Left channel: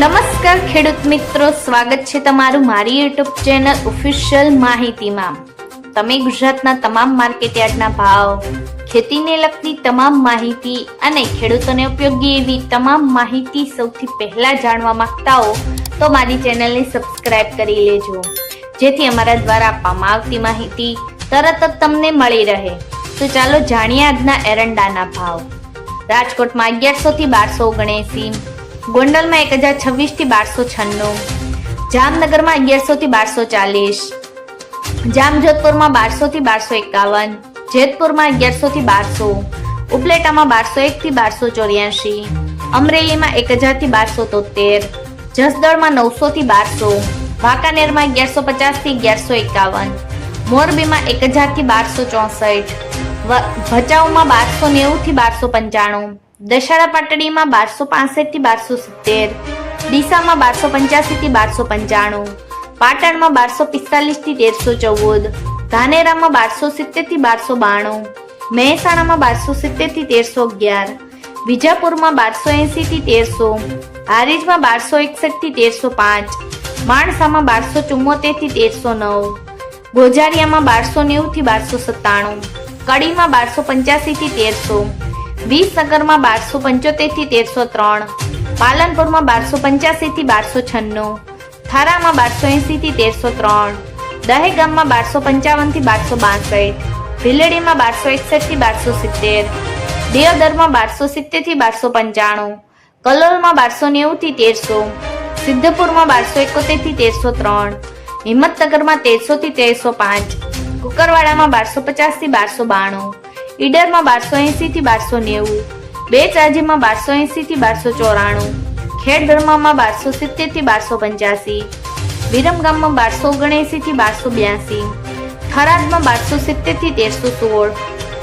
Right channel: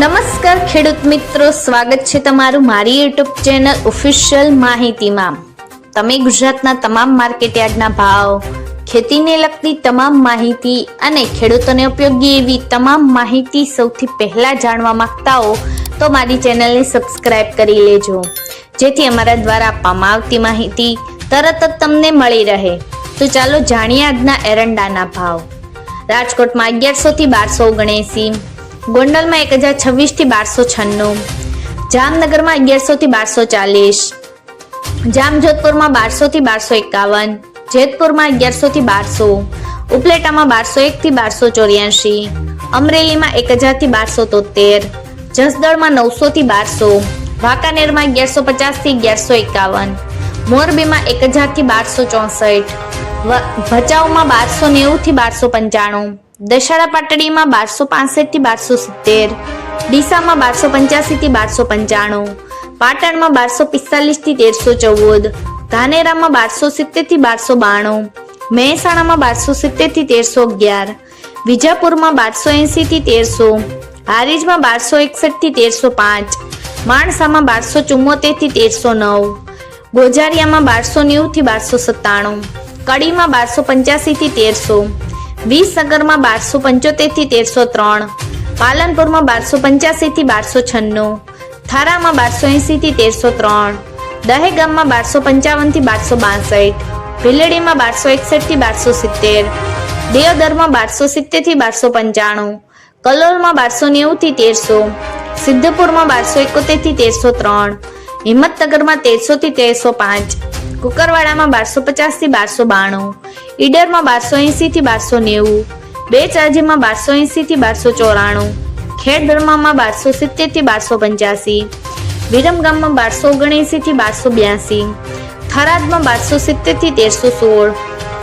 નમસ્કાર ખેડૂત મિત્રો, સ્વાગત છે તમારું મારી યુટ્યુબ ચેનલ ઓફિશિયલ માહિતીમાં। તમે ગુજરાતના તમામ માર્કેટયાર્ડના ભાવ, ખેતીને લગતી તમામ માહિતી અને ખેડૂતોને ઉપયોગી એવી તમામ માહિતી સૌથી પહેલા જાણવા માંગતા હો તો મારી ચેનલને સબસ્ક્રાઇબ કરી લેજો, જેથી અમારા દ્વારા આપવામાં આવતી માહિતી તરત જ તમને મળી રહે। તો ચાલો જાણીએ આજના એરંડાના ભાવ। રાજકોટમાં 1100 થી 1279, ગોંડલમાં 1026 થી 1296, જામનગરમાં 1100 થી 1240, જામજોધપુરમાં 1200 થી 1251, જેતપુરમાં 1100 થી 1200, ઉપલેટામાં 1201 થી 1284, અમરેલીમાં 1000 થી 1273, જસદણમાં 900 થી 1200, વાંકાનેરમાં 1150 થી 1151, મોરબીમાં 1000 થી 1264, ભચાઉમાં 1290 થી 1295, દશેરા પાટડીમાં 1265 થી 1270, ડીસામાં 1285 થી 1295, પાટણમાં 1245 થી 1314, ધાનેરામાં 1270 થી 1292, મહેસાણામાં 1270 થી 1311, વિજાપુરમાં 1280 થી 1300, હારીજમાં 1261 થી 1305, માણસામાં 1274 થી 1309, ગોજારિયામાં 1290 થી 1297, કડીમાં 1285 થી 1300, વિસનગરમાં 1275 થી 1303, પાલનપુરમાં 1285 થી 1296, થારામાં 1280 થી 1303, દહેગામમાં 1255 થી 1262, ભીલડીમાં 1261 થી 1270, દિયોદરમાં 1270 થી 1295, કલોલમાં 1290 થી 1300, સિદ્ધપુરમાં 1271 થી 1303, હિંમતનગરમાં 1300 થી 1305, કુકરવાડામાં 1250 થી 1292, ઈડરમાં 1280 થી 1290, બેચરાજીમાં 1280 થી 1294, ખેડબ્રહ્મામાં 1270 થી 1285, વિરમગામમાં 1279 થી 1282, થરાદમાં 1270 થી 1316,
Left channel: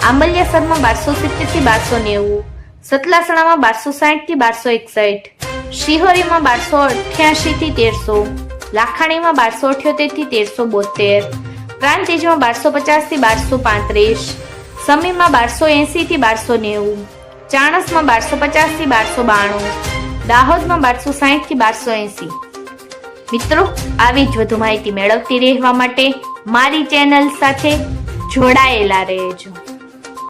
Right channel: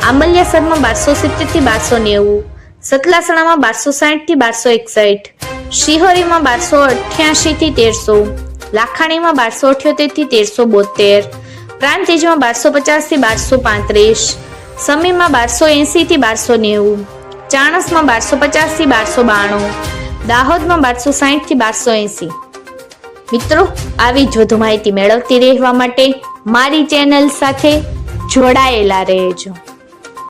આંબલિયાસરમાં 1270 થી 1290, સતલાસણામાં 1260 થી 1261, શિહોરીમાં 1288 થી 1300, લાખાણીમાં 1278 થી 1372, પ્રાંતિજમાં 1250 થી 1235, સમીમાં 1280 થી 1290, ચાણસમાં 1250 થી 1292, દાહોદમાં 1260 થી 1280। મિત્રો, આવી જ વધુ માહિતી મેળવતી રહેવા માટે મારી ચેનલ સાથે જોડાયેલા રહેજો।